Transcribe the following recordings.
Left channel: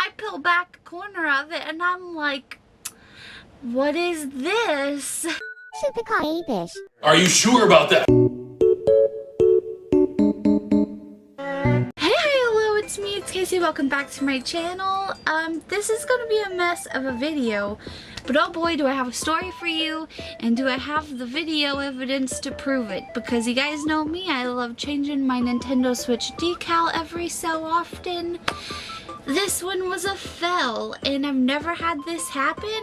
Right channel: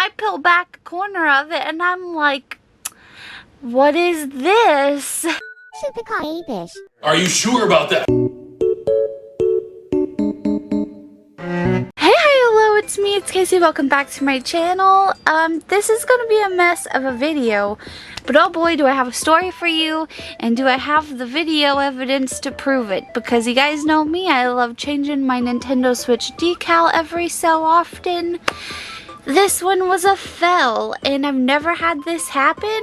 I peel back a corner of it and I'm like, what is this? Super kawaii fish. Are you sure about that? Hey, hello, it's me, it's Casey. Welcome back to my channel. This is gonna be a mess of a video, but oh boy, do I have a story for you, and do I have the video evidence to prove it, because you guys know me, I love changing my Nintendo Switch decal every so often. This one was a fail, and I've never had this happen,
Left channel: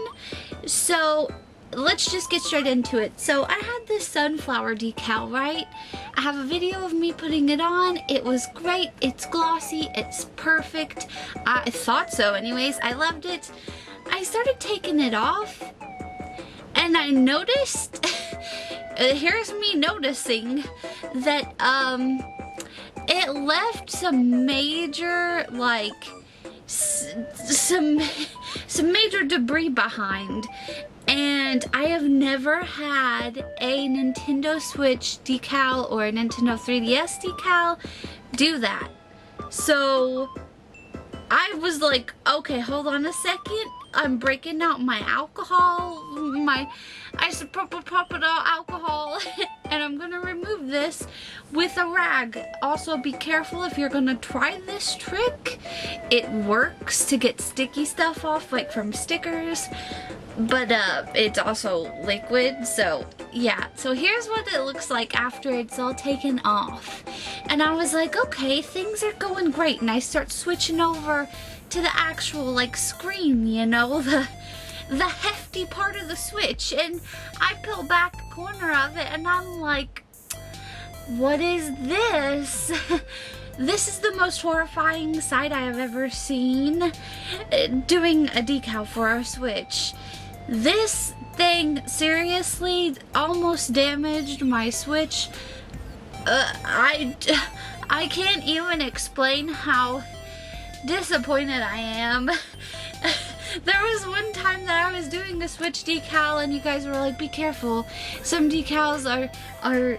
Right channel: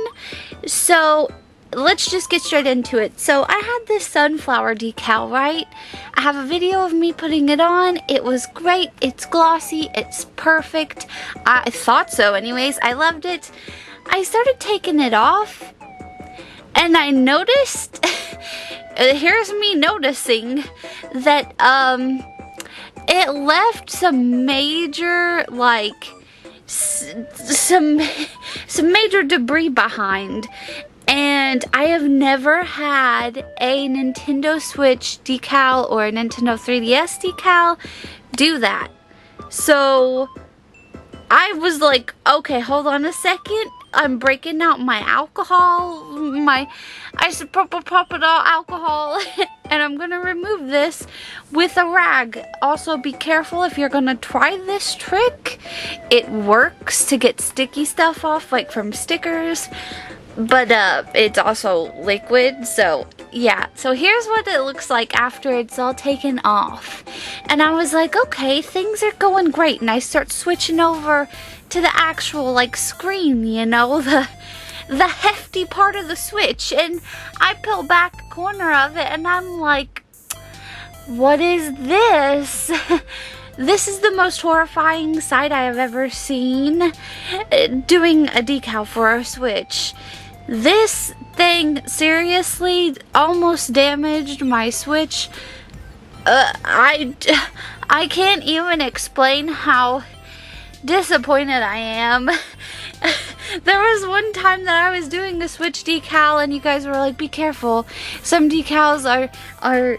so let's just get straight into it. So I had this sunflower decal, right? I have a video of me putting it on. It was great. It's glossy. It's perfect. I thought so anyways. I loved it. I started taking it off and I noticed, here's me noticing that it left some major, like, some major debris behind. And I have never had a Nintendo Switch decal or a Nintendo 3DS decal do that. So I was like, okay, hold on a second. I'm breaking out my alcohol, my isopropyl alcohol, and I'm gonna remove this with a rag. Also, be careful if you're gonna try this trick. It works to get sticky stuff off, like from stickers. But it's also liquid, so yeah. So here's what it looks like after it's all taken off. And I was like, okay, things are going great. And I start switching over to the actual, like, screen, you know, the hefty part of the Switch. And I peel back a corner of it and I'm like, what is this? This is the most horrifying sight I have ever seen doing a decal for a Switch. This thing seriously almost damaged my Switch. I can't even explain how disappointed I am. There was one time that I was doing the Switch decal and you guys were like, be careful. Some decals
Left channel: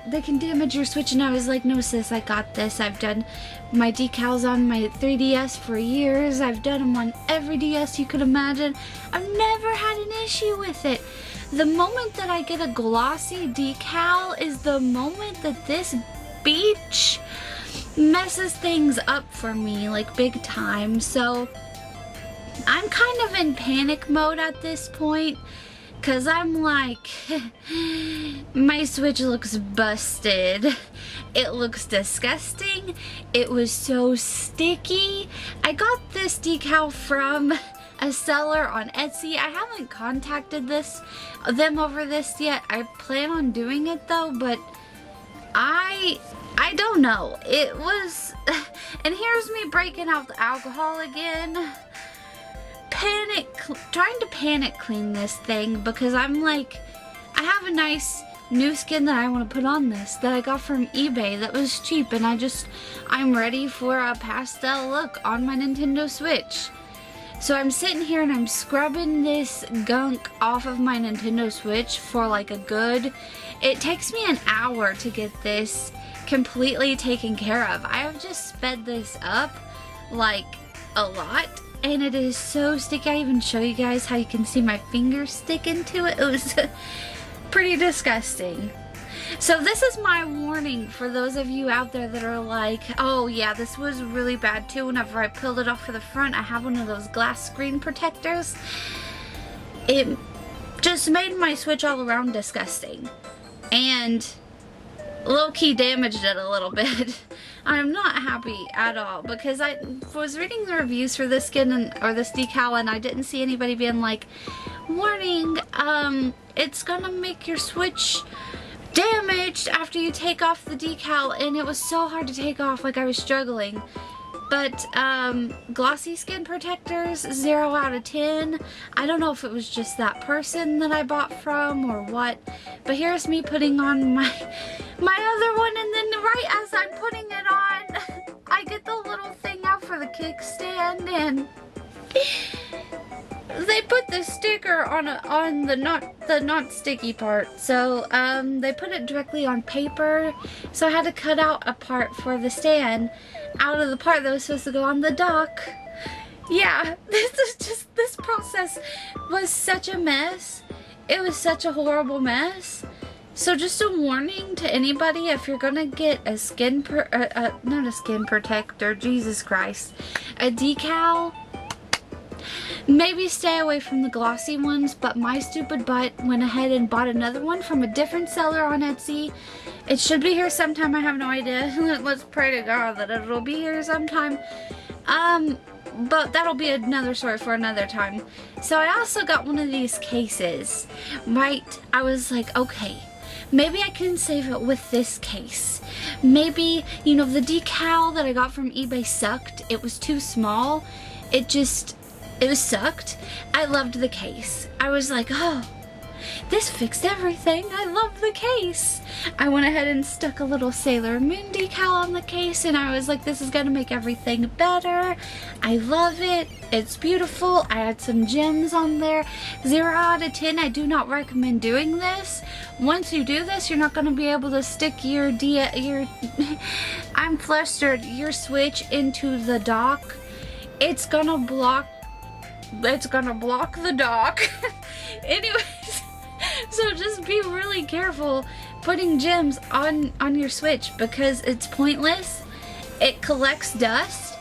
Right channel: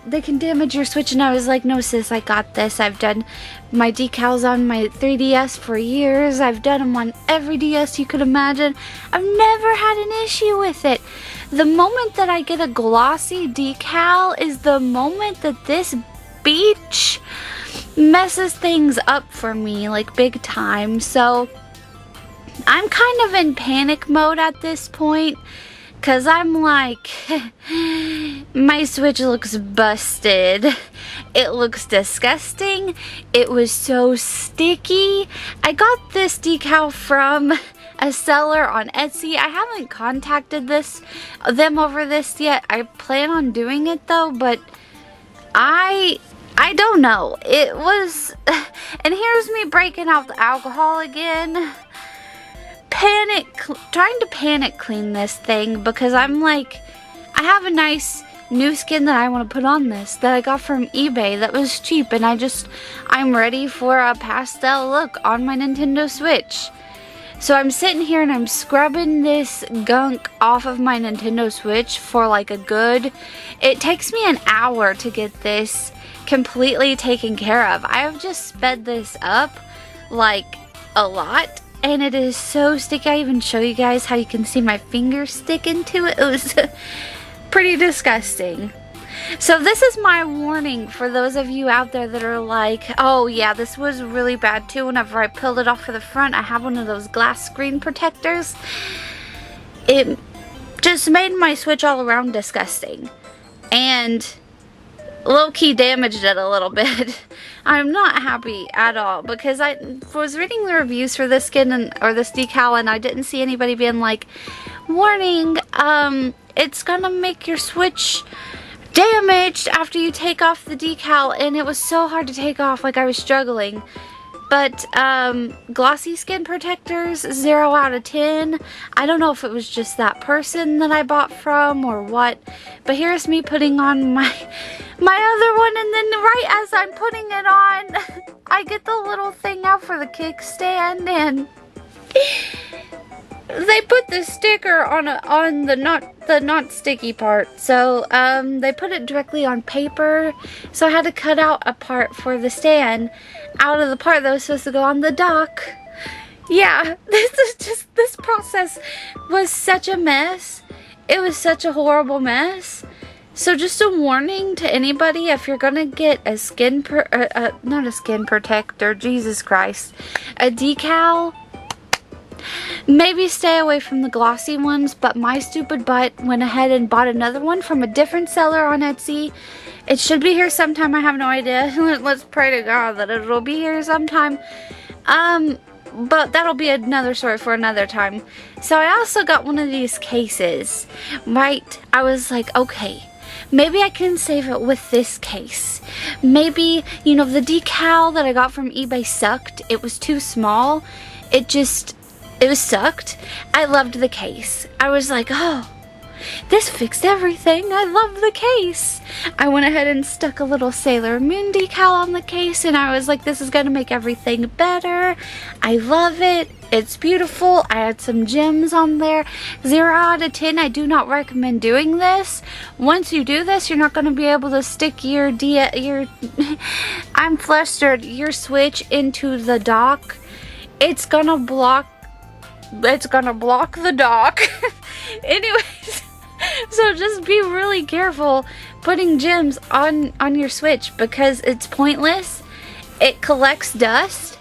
they can damage your Switch, and I was like, no sis, I got this. I've done my decals on my 3DS for years. I've done them on every DS you could imagine. I've never had an issue with it. The moment that I get a glossy decal is the moment that this beach messes things up for me, like big time. So I'm kind of in panic mode at this point, because I'm like, my Switch looks busted. It looks disgusting. It was so sticky. I got this decal from a seller on Etsy. I haven't contacted them over this yet. I plan on doing it though, but I don't know. It was, and here's me breaking out the alcohol again. Trying to panic clean this thing, because I'm like, I have a nice new skin that I want to put on this that I got from eBay that was cheap, and I'm ready for a pastel look on my Nintendo Switch. So I'm sitting here and I'm scrubbing this gunk off of my Nintendo Switch for like it takes me an hour to get this completely taken care of. I have just sped this up like a lot, and it is so sticky. I even show you guys how you can see my fingers stick into it. It was pretty disgusting. So this is my warning for those of you out there that are like, oh yeah, this was really bad too. Whenever I peeled it off for the front, I have one of those glass screen protectors. It just made my Switch all around disgusting, and low-key damaged it a little bit. I'm not happy at all, because I was reading the reviews for this skin or this decal, and I didn't see anybody being like, warning, it's gonna make your Switch damaged after you take off the decal. And it was so hard to take off, like I was struggling. But glossy skin protectors, 0 out of 10. I don't know if it was just that person that I bought from or what, but here's me putting on my other one, and then right as I'm putting it on, I get the little thing out for the kickstand, and they put the sticker on the not sticky part. So they put it directly on paper, so I had to cut out a part for the stand out of the part that was supposed to go on the dock. Yeah, this process was such a mess. It was such a horrible mess. So just a warning to anybody, if you're gonna get a not a skin protector, Jesus Christ, a decal, maybe stay away from the glossy ones. But my stupid butt went ahead and bought another one from a different seller on Etsy. It should be here sometime, I have no idea. Let's pray to God that it'll be here sometime. But that'll be another story for another time. So I also got one of these cases, right? I was like, okay, maybe I can save it with this case. Maybe, you know, the decal that I got from eBay sucked. It was too small. It was sucked. I loved the case. I was like, oh, this fixed everything. I love the case. I went ahead and stuck a little Sailor Moon decal on the case, and I was like, this is gonna make everything better. I love it. It's beautiful. I had some gems on there. 0 out of 10. I do not recommend doing this. Once you do this, you're not gonna be able to stick your I'm flustered, your switch into the dock. It's gonna block the dock. Anyways, so just be really careful putting gems on your switch, because it's pointless. It collects dust.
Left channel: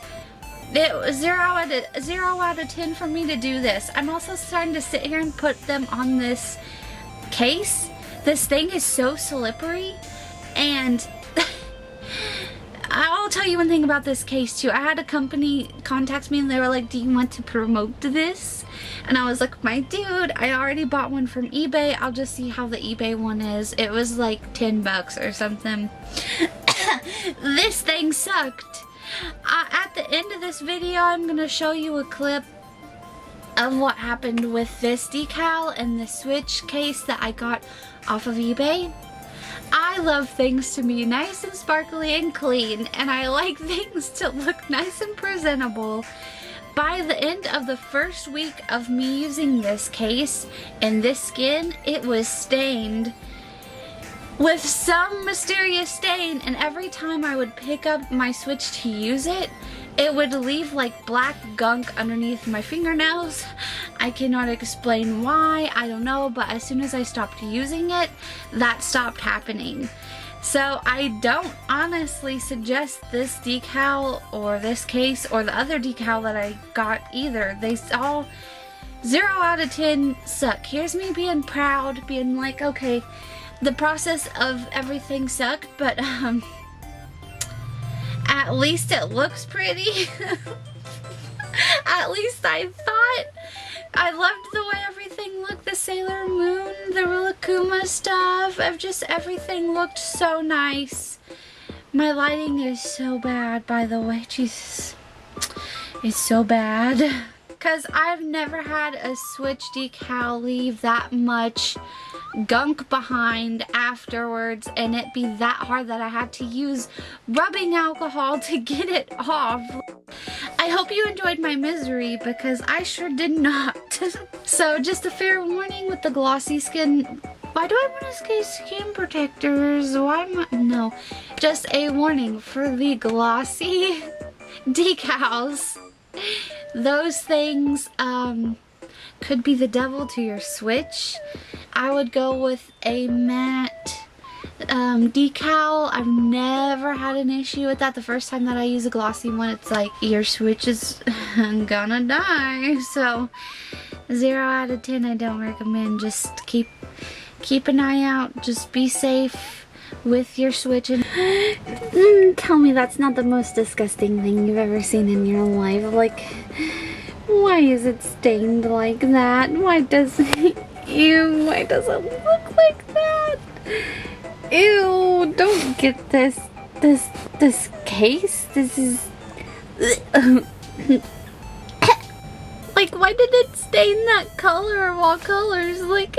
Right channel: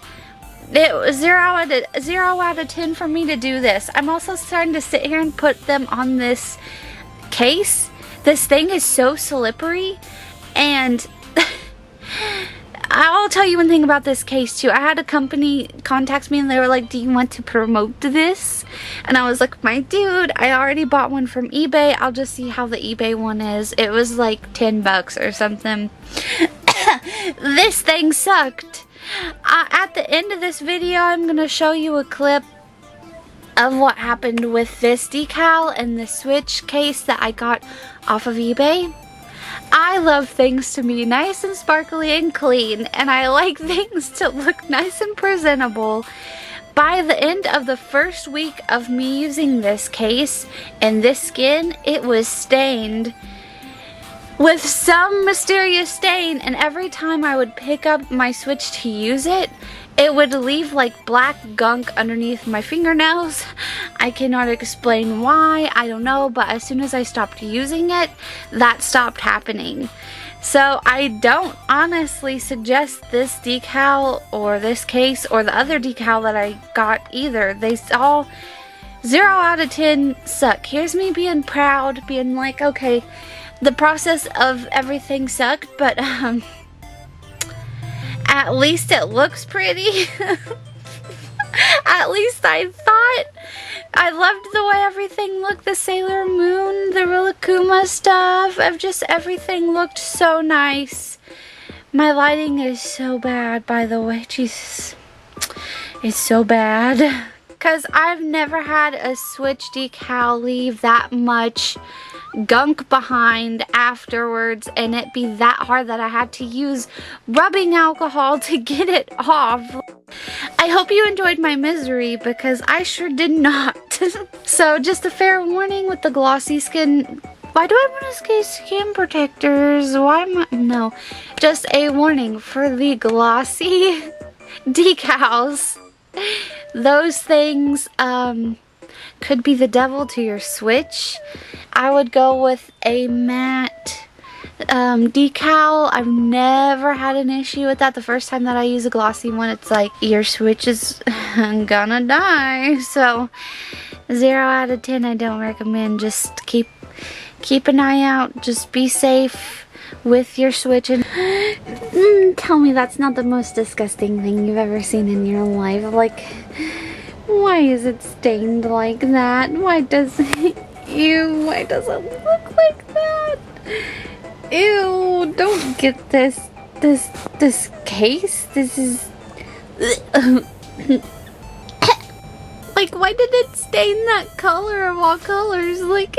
It was 0 out of 10 for me to do this. I'm also starting to sit here and put them on this case. This thing is so slippery, and I'll tell you one thing about this case too. I had a company contact me and they were like, do you want to promote this? And I was like, my dude, I already bought one from eBay. I'll just see how the eBay one is. It was like 10 bucks or something. This thing sucked. At the end of this video, I'm going to show you a clip of what happened with this decal and the switch case that I got off of eBay. I love things to be nice and sparkly and clean, and I like things to look nice and presentable. By the end of the first week of me using this case and this skin, it was stained with some mysterious stain, and every time I would pick up my switch to use it, it would leave like black gunk underneath my fingernails. I cannot explain why, I don't know, but as soon as I stopped using it, that stopped happening. So I don't honestly suggest this decal or this case or the other decal that I got either. They all 0 out of 10 suck. Here's me being proud, being like, okay, the process of everything sucked, but at least it looks pretty. At least I thought. I loved the way everything looked. The Sailor Moon, the Rilakkuma stuff, of just everything looked so nice. My lighting is so bad, by the way. Jesus. It's so bad. Because I've never had a switch decal leave that much gunk behind afterwards and it be that hard that I had to use rubbing alcohol to get it off. I hope you enjoyed my misery, because I sure did not. So just a fair warning with the glossy skin. Why do I want to say skin protectors? Why am I? No. Just a warning for the glossy decals. Those things could be the devil to your switch. I would go with a matte decal. I've never had an issue with that. The first time that I use a glossy one, it's like your switch is gonna die. So 0 out of 10 I don't recommend. Just keep an eye out. Just be safe with your switch. And tell me that's not the most disgusting thing you've ever seen in your life. Like, why is it stained like that? Why does it, ew, why does it look like that? Ew, don't get this case. This is like, why did it stain that color of all colors? Like,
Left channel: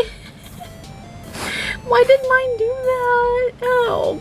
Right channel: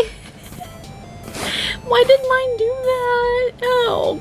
why did mine do that? Oh,